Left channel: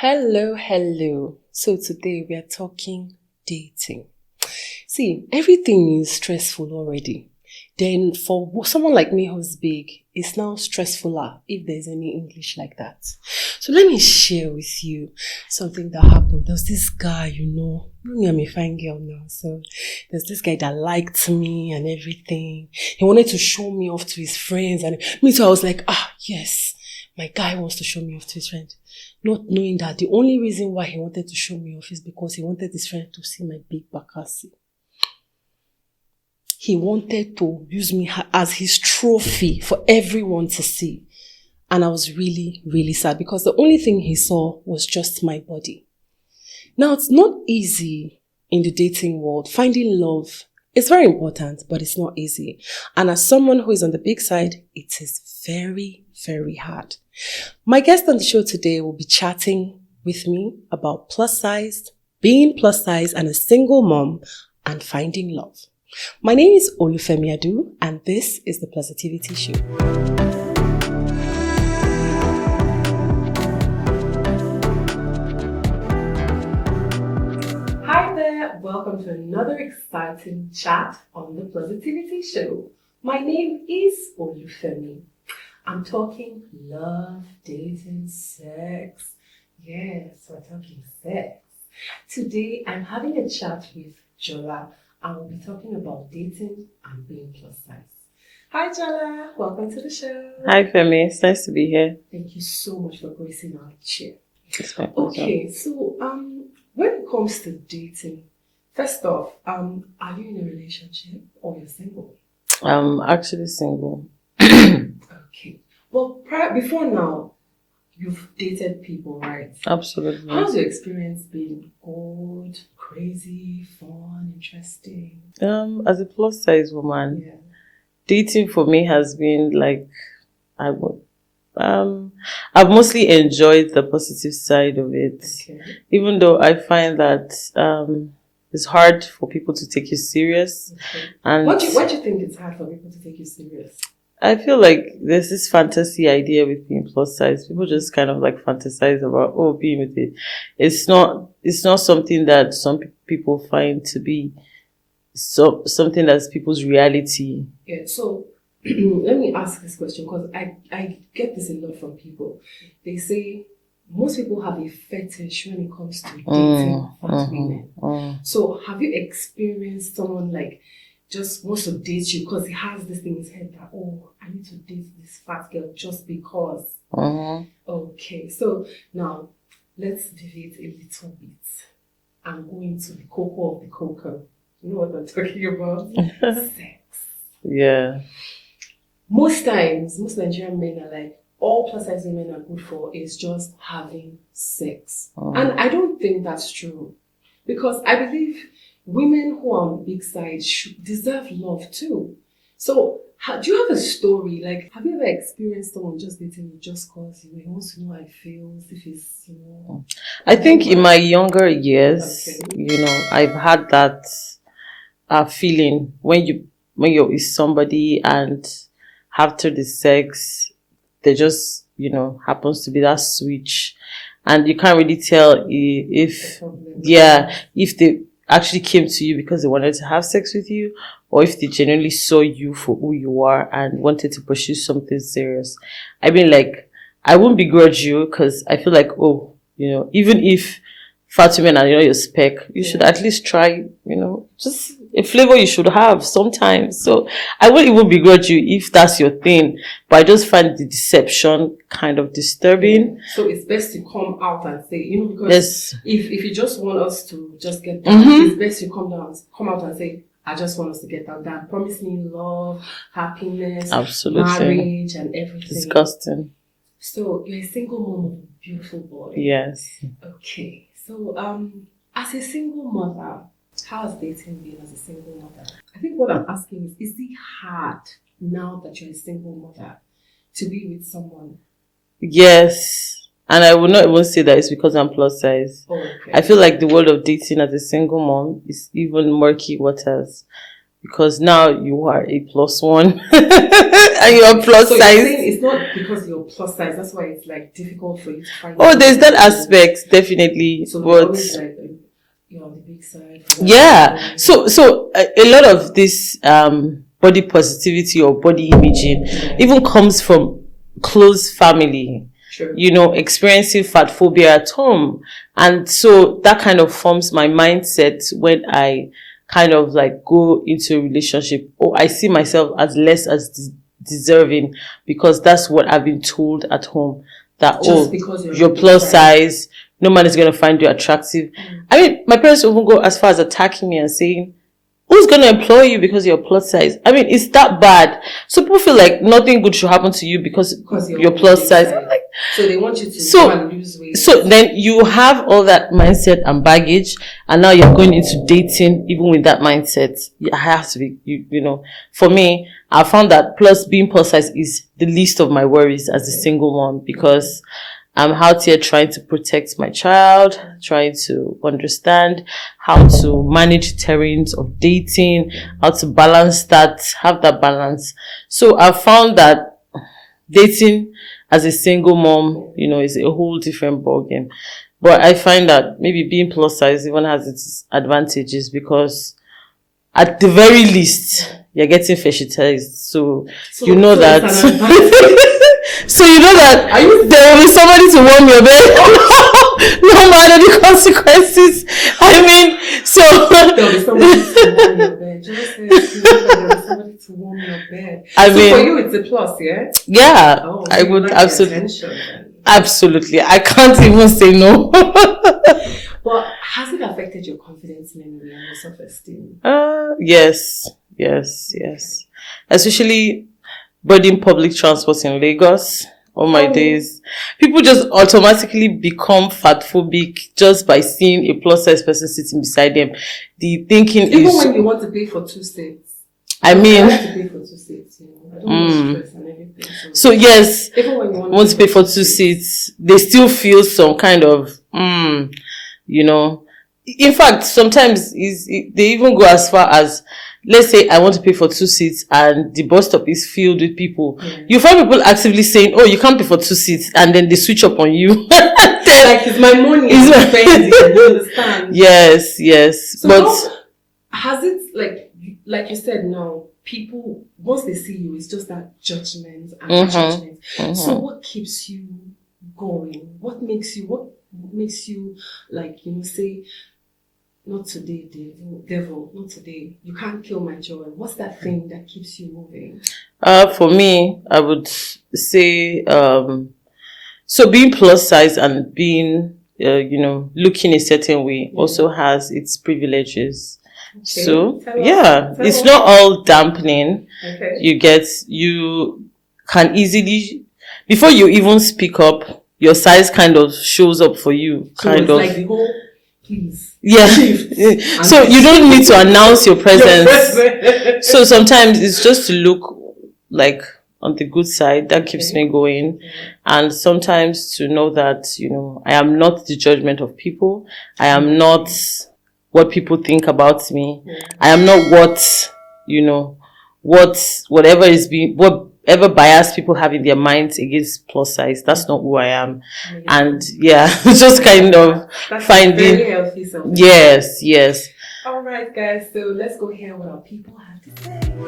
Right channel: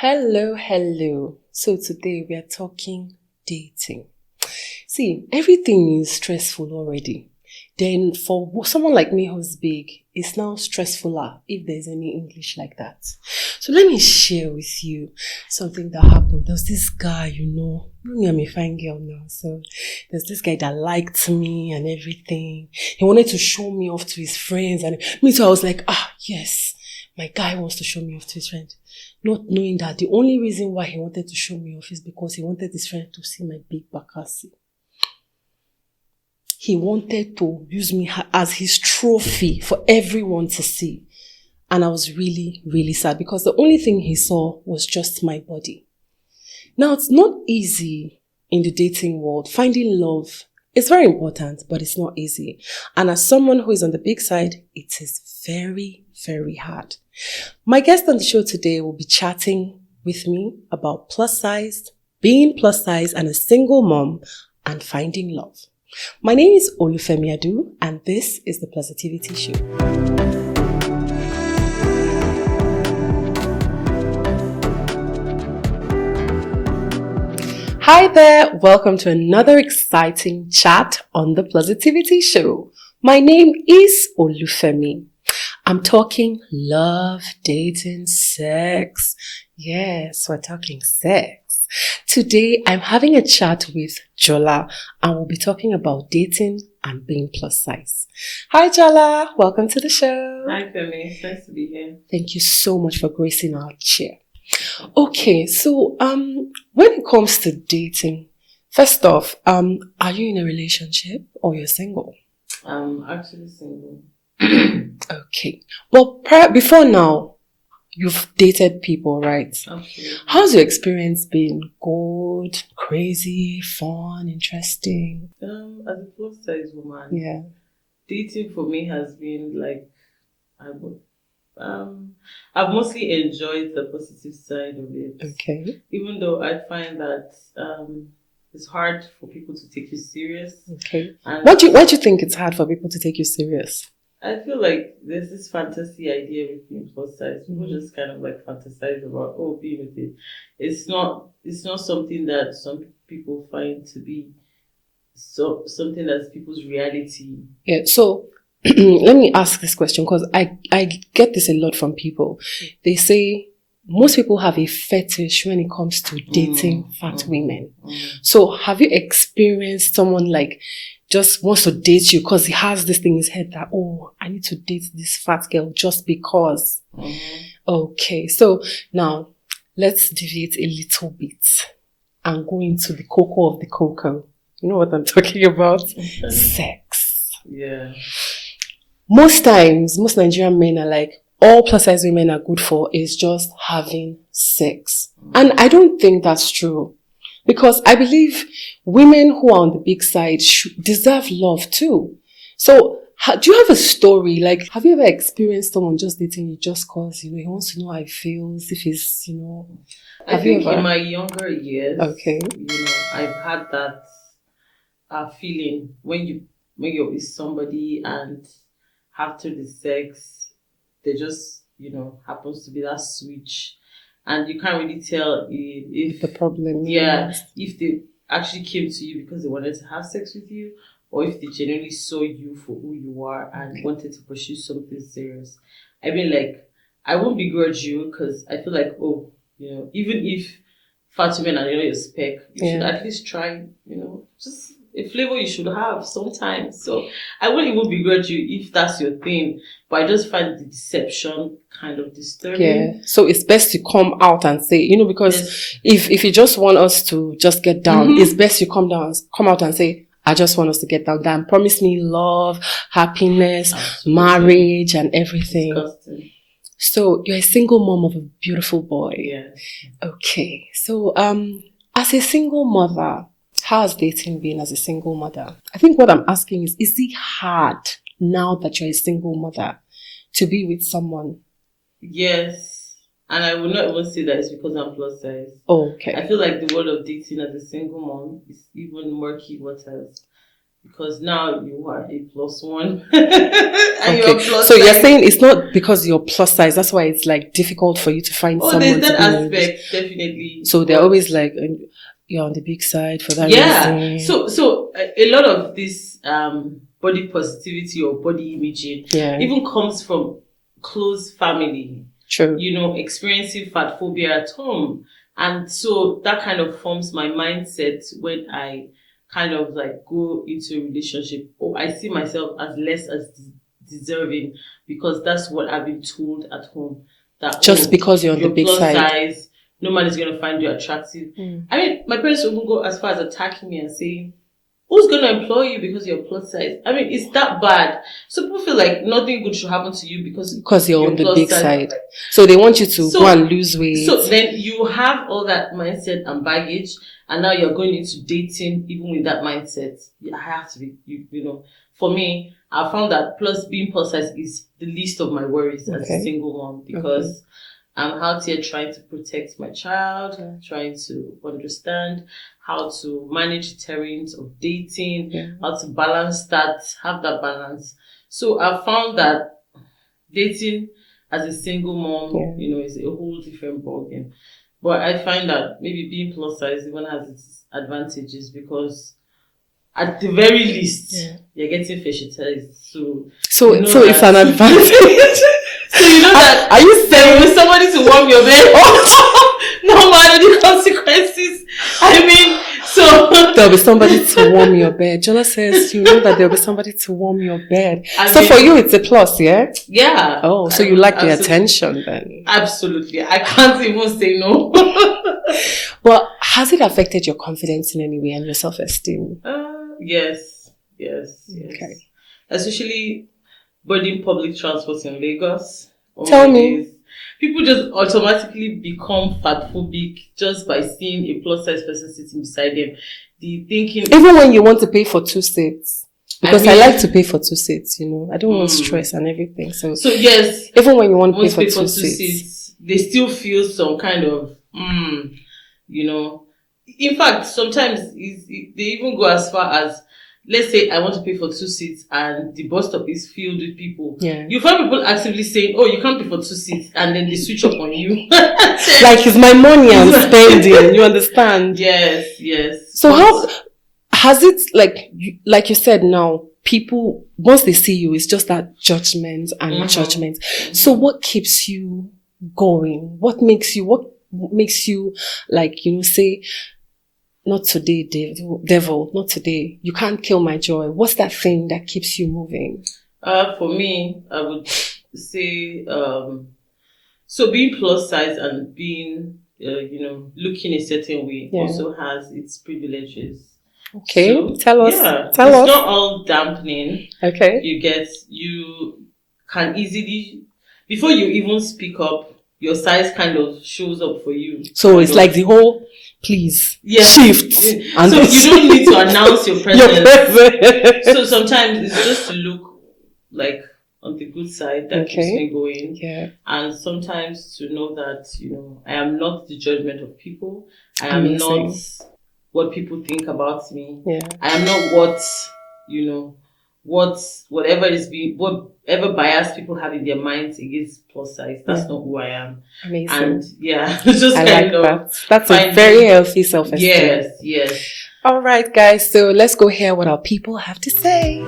Hello, hello. So today we are talking dating. See, everything is stressful already. Then for someone like me who's big, it's now stressfuler if there's any English like that. So let me share with you something that happened. There's this guy, I'm a fine girl now. So there's this guy that liked me and everything. He wanted to show me off to his friends. And me too, I was like, yes, my guy wants to show me off to his friend. Not knowing that the only reason why he wanted to show me off is because he wanted his friend to see my big bakasi. He wanted to use me as his trophy for everyone to see. And I was really, really sad because the only thing he saw was just my body. Now, it's not easy in the dating world. Finding love is very important, but it's not easy. And as someone who is on the big side, it is very, very hard. My guest on the show today will be chatting with me about plus size, being plus size and a single mom, and finding love. My name is Olufemi, and this is the Plusitivity Show. Hi there, welcome to another exciting chat on the Plusitivity Show. My name is Olufemi. I'm talking love, dating, sex. Yes, we're talking sex. Today, I'm having a chat with Jola, and we'll be talking about dating and being plus size. Hi, Jola. Welcome to the show. Hi, Femi. It's nice to be here. Thank you so much for gracing our chair. Okay, so when it comes to dating, first off, are you in a relationship or you're single? I'm actually single. Okay. Well, before now, you've dated people, right? Absolutely. How's your experience been? Good, crazy, fun, interesting? As a plus size woman, Yeah. dating for me has been like, I've mostly enjoyed the positive side of it. Okay. Even though I find that it's hard for people to take you serious. Okay. And Why do you think it's hard for people to take you serious? I feel like there's this fantasy idea with being plus size. People just kind of like fantasize about, being with it. It's not something that some people find to be something that's people's reality. Yeah, so let me ask this question because I get this a lot from people. They say most people have a fetish when it comes to dating fat women. So have you experienced someone like just wants to date you because he has this thing in his head that, I need to date this fat girl just because. Okay, so now let's deviate a little bit and go into the cocoa of the cocoa. You know what I'm talking about? Sex. Yeah. Most times, most Nigerian men are like, all plus size women are good for is just having sex. And I don't think that's true. Because I believe women who are on the big side deserve love too. So, do you have a story? Like, have you ever experienced someone just dating you just because, he wants to know how it feels, if he's, I think in my younger years, okay, I've had that feeling when you're with somebody and after the sex, there just, happens to be that switch. And you can't really tell if the problem. Yeah, if they actually came to you because they wanted to have sex with you, or if they genuinely saw you for who you are and wanted to pursue something serious. I mean, like, I wouldn't begrudge you because I feel like, even if fat women are your spec, you should at least try, just a flavor you should have sometimes. So I wouldn't even begrudge you if that's your thing, but I just find the deception kind of disturbing. Yeah. So it's best to come out and say, because if you just want us to just get down, it's best you come out and say, I just want us to get down. Promise me love, happiness, marriage, and everything. Disgusting. So you're a single mom of a beautiful boy. Yes. Okay. So as a single mother, how has dating been as a single mother? I think what I'm asking is it hard now that you're a single mother to be with someone? Yes. And I would not even say that it's because I'm plus size. Okay. I feel like the world of dating as a single mom is even murky waters. because now you are a +1 and you're plus So size. you're saying it's not because you're plus size, that's why it's like difficult for you to find. Oh, there's that aspect, definitely. So they're always like, you're on the big side for that reason. So a lot of this body positivity or body imaging even comes from close family. True. Experiencing fat phobia at home. And so that kind of forms my mindset when I kind of like go into a relationship. I see myself as less as deserving because that's what I've been told at home. That just because you're plus size, no man is going to find you attractive. I mean, my parents will go as far as attacking me and saying, who's going to employ you because you're plus size? I mean, it's that bad. So people feel like nothing good should happen to you because you're plus size. So they want you to go and lose weight. So then you have all that mindset and baggage, and now you're going into dating even with that mindset. I have to be, for me, I found that being plus size is the least of my worries as a single one because I'm out here trying to protect my child, trying to understand how to manage terrains of dating, how to balance that, have that balance. So I found that dating as a single mom, is a whole different ballgame. But I find that maybe being plus size even has its advantages because at the very least, you're getting fetishized. So that it's an advantage. So that there will be somebody to warm your bed no matter the consequences. I mean, so there'll be somebody to warm your bed. Jola says that there'll be somebody to warm your bed. For you it's a plus, yeah? Yeah. Oh, so you like the attention then? Absolutely. I can't even say no. Well, has it affected your confidence in any way and your self-esteem? Yes. Okay. Especially boarding public transport in Lagos. My days. People just automatically become fat phobic just by seeing a plus size person sitting beside them. The thinking even when you want to pay for 2 seats. Because I like to pay for 2 seats, I don't want stress and everything. So yes, even when you want to pay for 2 seats, they still feel some kind of In fact, sometimes they even go as far as, let's say I want to pay for 2 seats and the bus stop is filled with people. Yeah. You find people actively saying, oh, you can't pay for 2 seats, and then they switch up on you. Like, it's my money I'm spending. You understand? Yes. So has it, like you said now, people, once they see you, it's just that judgment and judgment. So what keeps you going? What makes you say, not today, devil, not today. You can't kill my joy. What's that thing that keeps you moving? For me, I would say, so being plus size and being, looking a certain way also has its privileges. Okay. So, tell us. It's not all dampening. Okay. You can easily, before you even speak up, your size kind of shows up for you. So it's like the whole shift. So you don't need to announce your presence. So sometimes it's just to look like on the good side that keeps me going. Yeah. And sometimes to know that, I am not the judgment of people. I am not what people think about me. Yeah. I am not whatever bias people have in their minds against plus size. That's not who I am. Amazing. And just that's finding very healthy self-esteem. Yes. All right, guys. So let's go hear what our people have to say.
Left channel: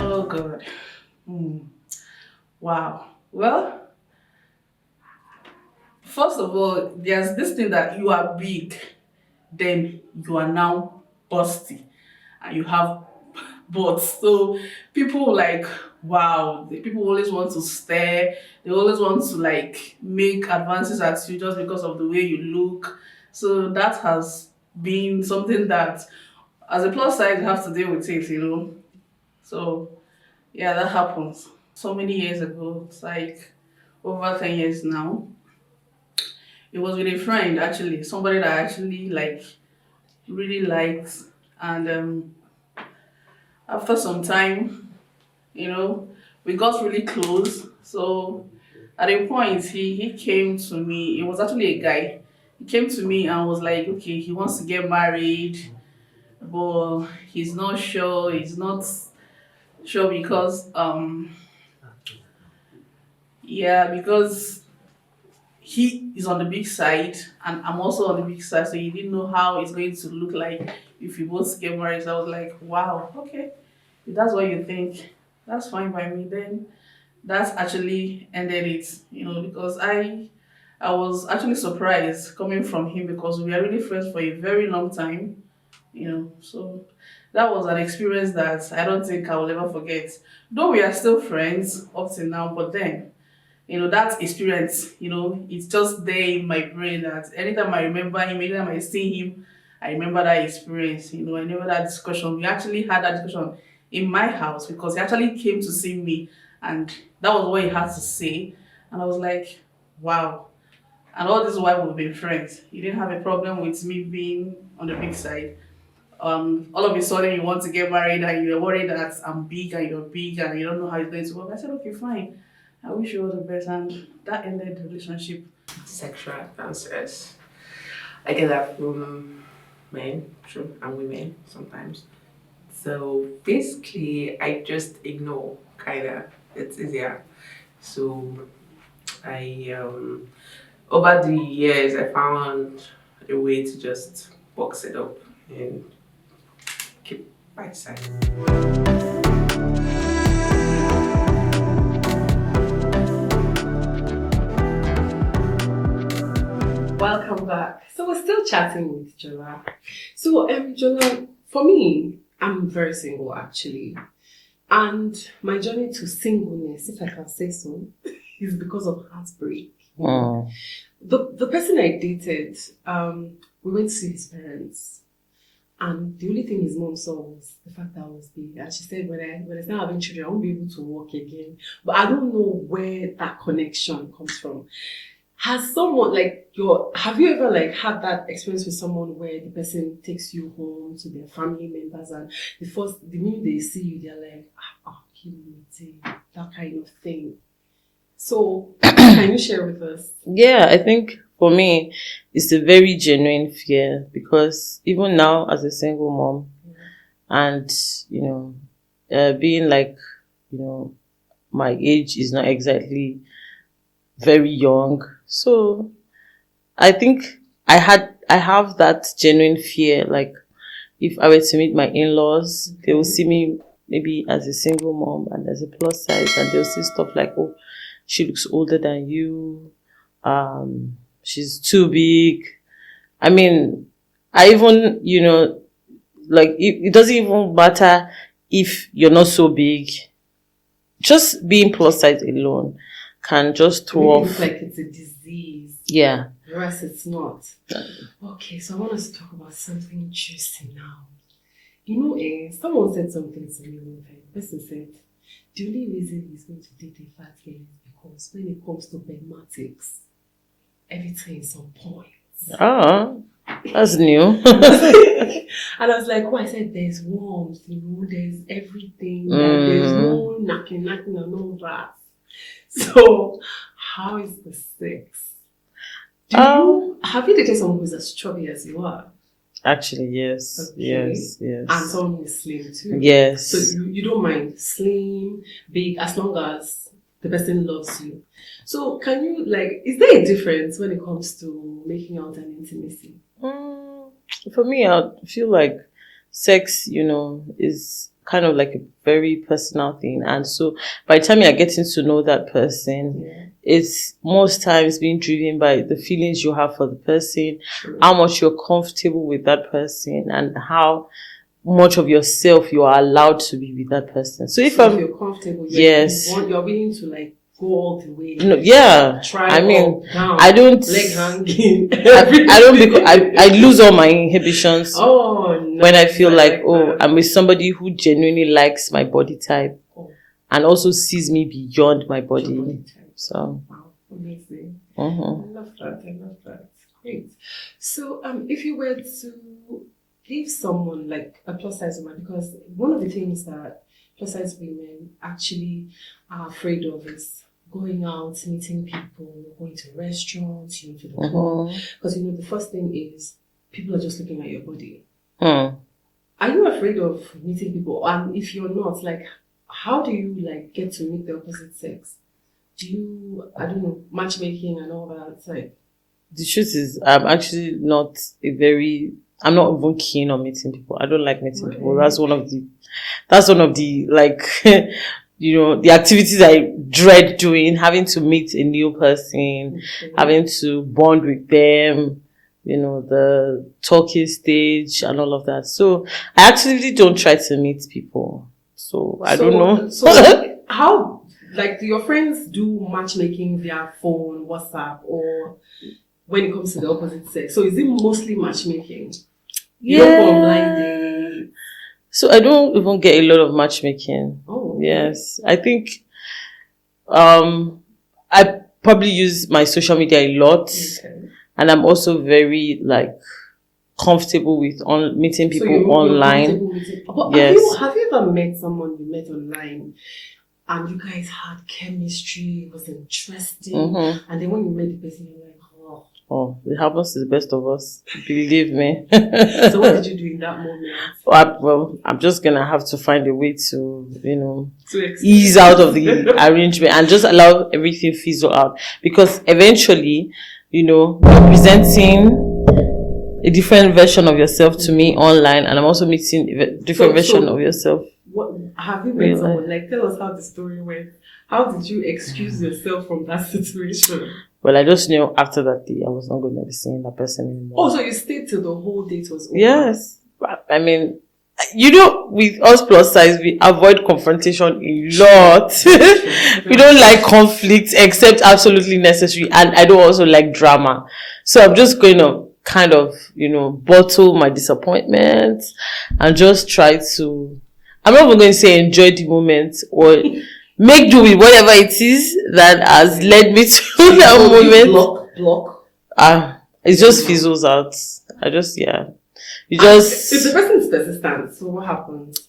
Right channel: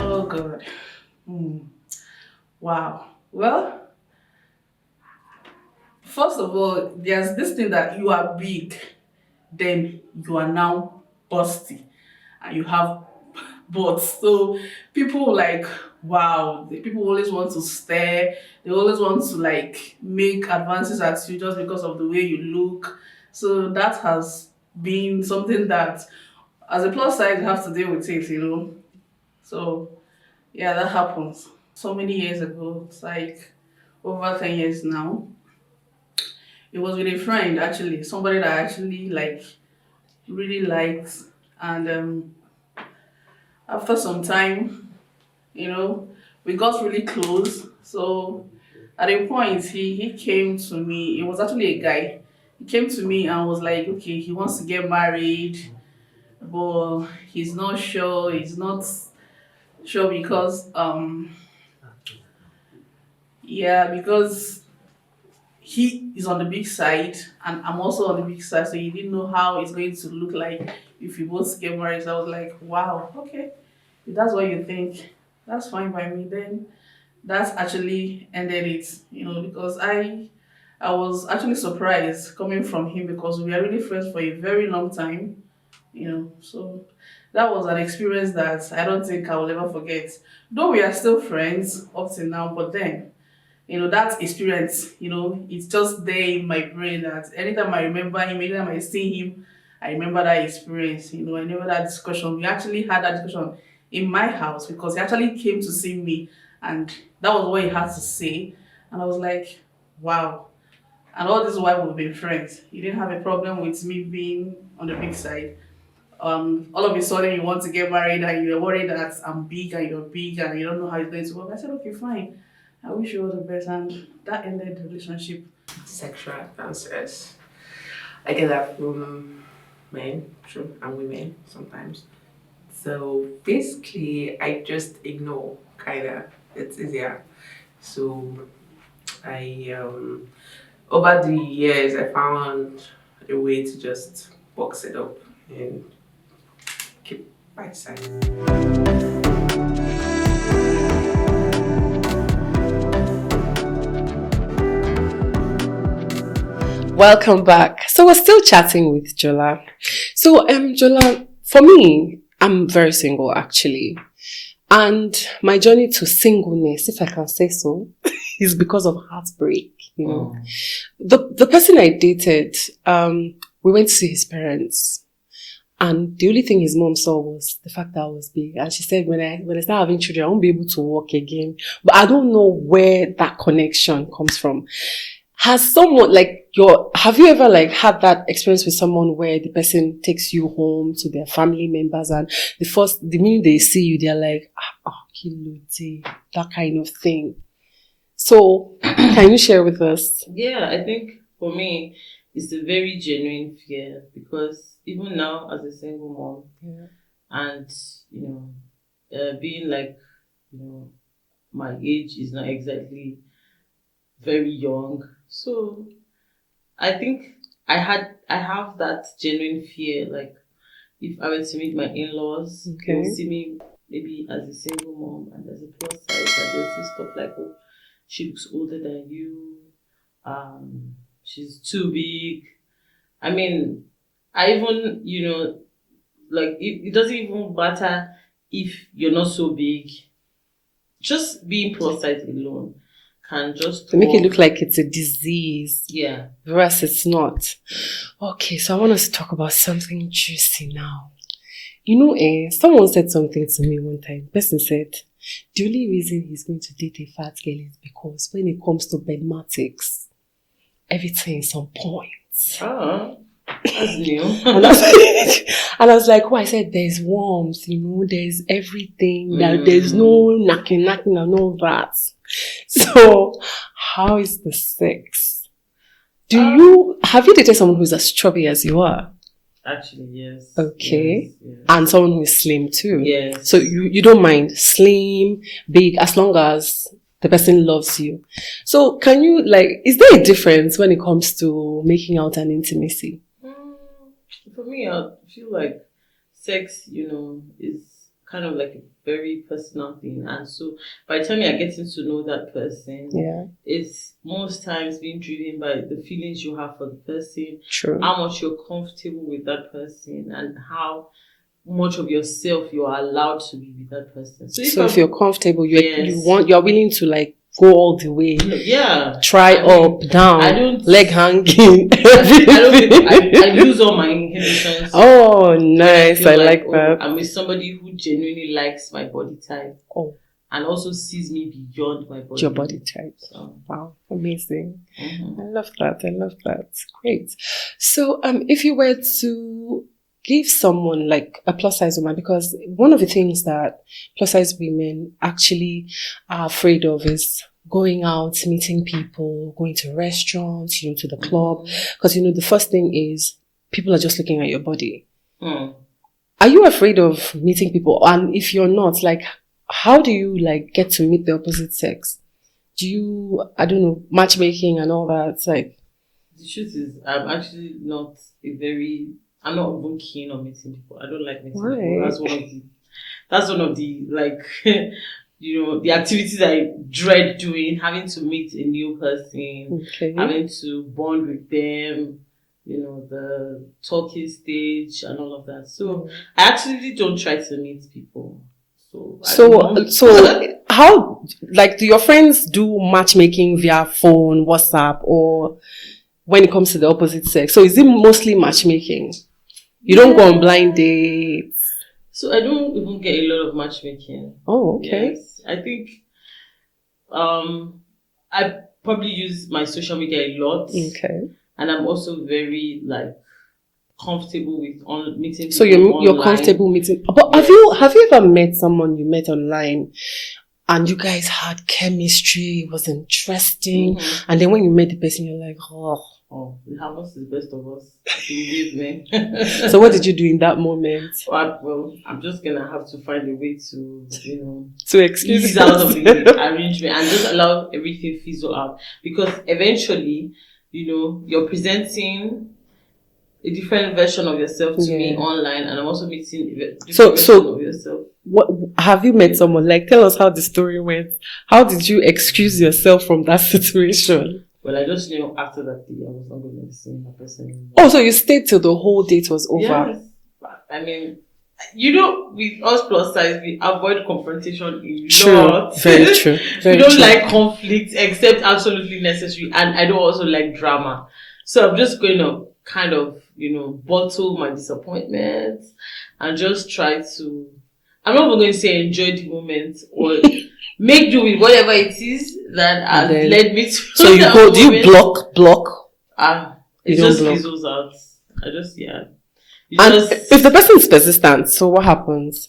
Oh God. Wow. Well, first of all, there's this thing that you are big, then you are now busty, and you have butts. So people wow, people always want to stare. They always want to make advances at you just because of the way you look. So that has been something that, as a plus size, you have to deal with it, So yeah, that happens. So many years ago, it's over 10 years now. It was with a friend, actually, somebody that I actually really liked, and after some time, we got really close. So at a point he came to me. It was actually a guy. He came to me and was like, okay, he wants to get married, but he's not sure. He's not sure because yeah, because he is on the big side and I'm also on the big side, so he didn't know how it's going to look like if we both get married. So I was like, wow, okay, if that's what you think, that's fine by me. Then that's actually ended it, because I was actually surprised coming from him because we are really friends for a very long time, so that was an experience that I don't think I will ever forget. Though we are still friends up till now, but then that experience, it's just there in my brain that anytime I remember him, anytime I see him, I remember that experience. I remember that discussion. We actually had that discussion in my house because he actually came to see me and that was what he had to say. And I was like, wow. And all this while we've been friends. He didn't have a problem with me being on the big side. All of a sudden you want to get married and you're worried that I'm big and you're big and you don't know how it's going to work. I said, okay, fine. I wish you all the best, and that ended the relationship. Sexual advances. I get that from men, true, and women sometimes. So basically, I just ignore, kinda. It's easier. So I over the years, I found a way to just box it up and keep my side. Welcome back. So we're still chatting with Jola. So Jola, for me, I'm very single actually. And my journey to singleness, if I can say so, is because of heartbreak. The person I dated, we went to see his parents. And the only thing his mom saw was the fact that I was big. And she said, when I start having children, I won't be able to walk again. But I don't know where that connection comes from. Has someone have you ever had that experience with someone where the person takes you home to their family members and the minute they see you, they're like, Kiluti, that kind of thing. So can you share with us? Yeah, I think for me, it's a very genuine fear because even now as a single mom and, being my age is not exactly very young. So I think I have that genuine fear. Like if I were to meet my in-laws, they will see me maybe as a single mom and as a plus size, and they'll see stuff like, oh, she looks older than you. She's too big. I mean, I even, it doesn't even matter if you're not so big. Just being plus size alone can just make it look like it's a disease. Yeah. Whereas it's not. Okay, so I want us to talk about something juicy now. Someone said something to me one time. The person said, the only reason he's going to date a fat girl is because when it comes to bedmatics, everything is on point. That's new. And I was like, I said, there's warmth, there's everything. There's no knocking and all that. So, how is the sex? Have you dated someone who's as chubby as you are? Actually, yes. Okay. Yes. And someone who is slim too? Yes. So you don't mind slim, big, as long as the person loves you. So can you, is there a difference when it comes to making out and intimacy? For me, I feel like sex, is kind of like a very personal thing. And so by the time you're getting to know that person, it's most times being driven by the feelings you have for the person, True. How much you're comfortable with that person, and how much of yourself you are allowed to be with that person. So if you're comfortable, you're willing to go all the way. Try up, down. I don't leg hanging. I lose all my inhibitions. Oh, nice. When I feel I'm with somebody who genuinely likes my body type. Oh. And also sees me beyond my body. Your body type. So wow, amazing. Mm-hmm. I love that. Great. So if you were to give someone a plus size woman, because one of the things that plus size women actually are afraid of is going out, meeting people, going to restaurants, to the club. Because, the first thing is people are just looking at your body. Are you afraid of meeting people? And if you're not, like, how do you, like, get to meet the opposite sex? Do you, I don't know, matchmaking and all that? Like, the truth is, I'm actually not I'm not even keen on meeting people. I don't like meeting people. That's one of the like, the activities I dread doing, having to meet a new person, having to bond with them, the talking stage and all of that. So I actually don't try to meet people. So I don't know. So how, like, do your friends do matchmaking via phone, WhatsApp, or when it comes to the opposite sex? So is it mostly matchmaking? You don't go on blind dates? So I don't even get a lot of matchmaking. Oh, okay. Yes. I think I probably use my social media a lot. Okay. And I'm also very, like, comfortable with meeting people online. So you're comfortable meeting. But yes. have you ever met someone you met online and you guys had chemistry, it was interesting, and then when you met the person, you're like, oh, it happens to the best of us. Believe me. So what did you do in that moment? Well, I'm just gonna have to find a way to, to ease out of the arrangement and just allow everything fizzle out, because eventually, you're presenting a different version of yourself to me online, and I'm also meeting a different version of yourself. What have you met someone? Like, tell us how the story went. How did you excuse yourself from that situation? Well, I just knew after that day I was not going to be seeing that person anymore. Oh, so you stayed till the whole date was over? Yes. I mean, with us plus size, we avoid confrontation a lot. Very true. We don't like conflict except absolutely necessary, and I don't also like drama. So I'm just going to kind of, bottle my disappointment and just try to, I'm not even going to say enjoy the moment or make do with whatever it is that has led me to so that moment. You block? It just fizzles out. If the person is persistent, so what happens?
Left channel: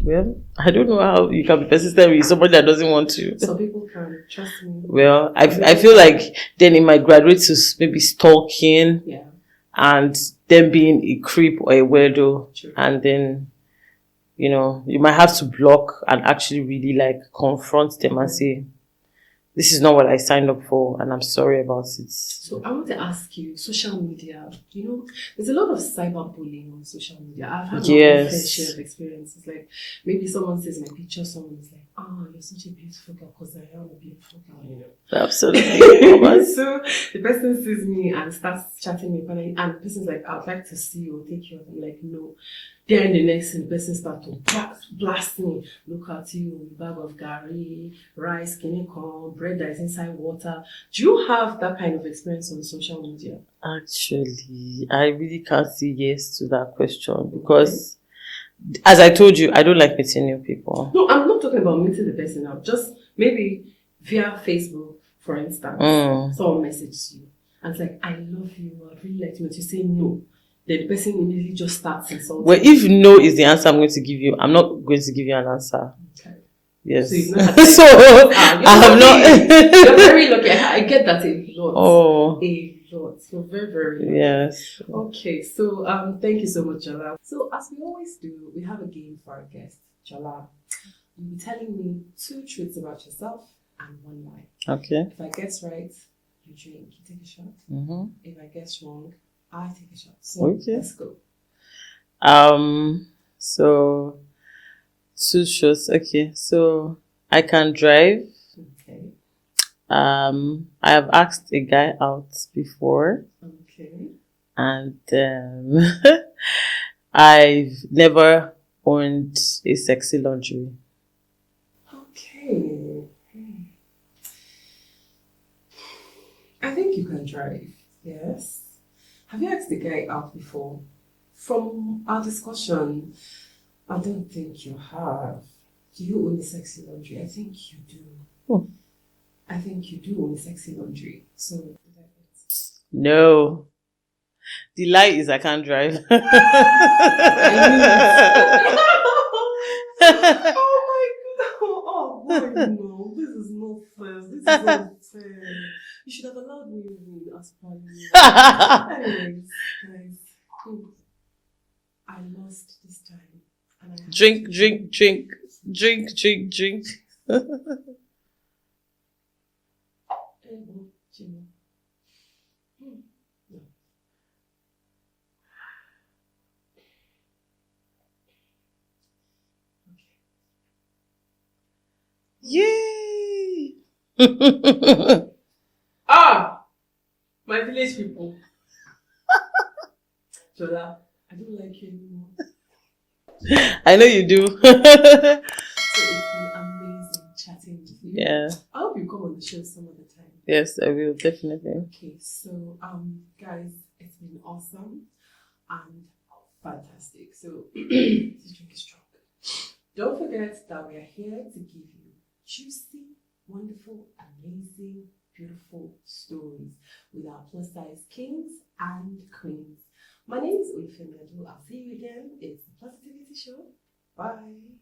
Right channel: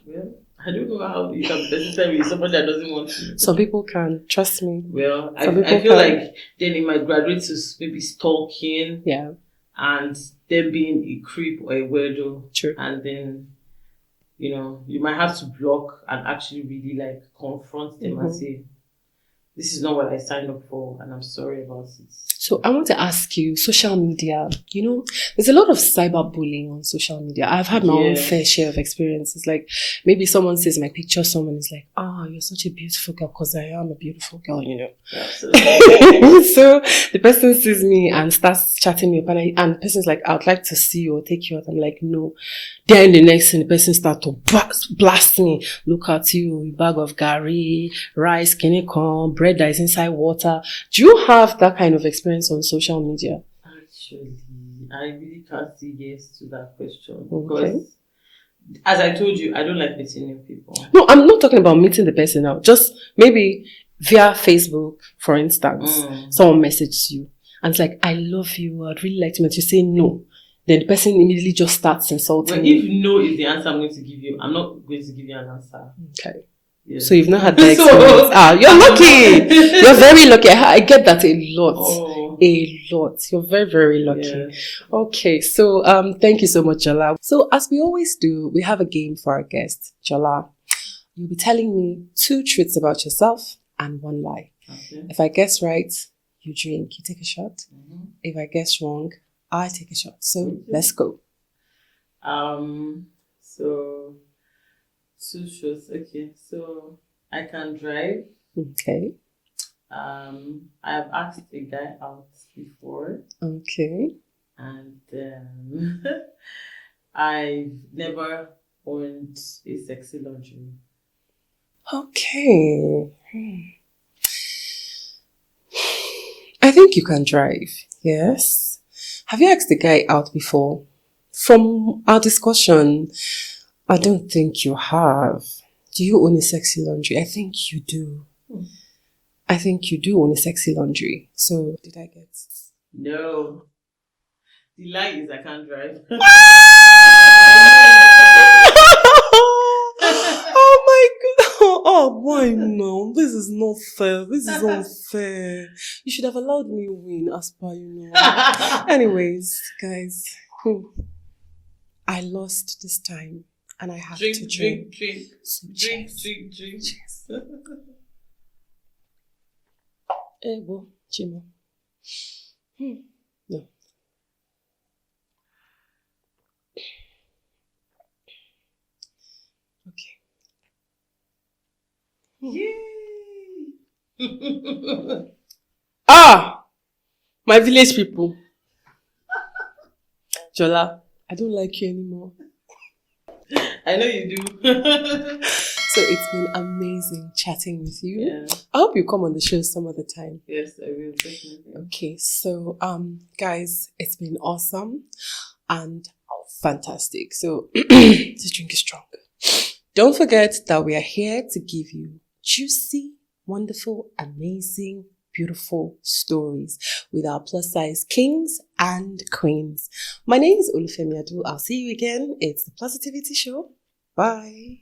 Well, I don't know how you can be persistent with somebody that doesn't want to. Some people can, trust me. Well, I feel like then it might graduate to maybe stalking. Yeah. And then being a creep or a weirdo. True. And then, you might have to block and actually really, like, confront them and say, this is not what I signed up for, and I'm sorry about it. So I want to ask you, social media, there's a lot of cyberbullying on social media. I've had my own fair share of experiences. Like, maybe someone sees my picture, someone is like, you're such a beautiful girl, because I am a beautiful girl, Absolutely. So the person sees me and starts chatting me up, and the person's like, I'd like to see you or take you out. I'm like, no. Then the next thing, the person starts to blast me. Look at you, bag of gari, rice, corn, bread that is inside water. Do you have that kind of experience on social media? Actually, I really can't say yes to that question because, as I told you, I don't like meeting new people. No, I'm not talking about meeting the person now. Just maybe via Facebook, for instance, someone messages you and it's like, I love you, I'd really like to meet you. Say no. Then the person immediately just starts insulting. Well, if no is the answer I'm going to give you, I'm not going to give you an answer. Okay. Yes. So you've not had that experience. You're lucky. You're very lucky. I get that a lot. Oh. A lot. You're very, very lucky. Yes. Okay. So thank you so much, Jola. So as we always do, we have a game for our guest. Jola, you'll be telling me 2 truths about yourself and 1 lie. Okay. If I guess right, you drink, you take a shot. Mm-hmm. If I guess wrong, I take a shot. So let's go. So 2 shots. Okay. So I can drive. Okay. I have asked a guy out before. Okay. And I've never owned a sexy lingerie. Okay. I think you can drive. Yes. Have you asked the guy out before? From our discussion, I don't think you have. Do you own a sexy laundry? I think you do. I think you do own a sexy laundry. So, did I get... No. The lie is I can't drive. Oh my God. why no? This is not fair. This is unfair. You should have allowed me win as per Anyways, guys, I lost this time and I have drink. to Drink. Well, Chimo. No. Yay! My village people. Jola, I don't like you anymore. I know you do. So it's been amazing chatting with you. Yeah. I hope you come on the show some other time. Yes, I will, definitely. Okay, so guys, it's been awesome and fantastic. So this drink is strong. Don't forget that we are here to give you juicy, wonderful, amazing, beautiful stories with our plus size kings and queens. My name is Olufemi. I'll see you again. It's the Plusitivity Show. Bye.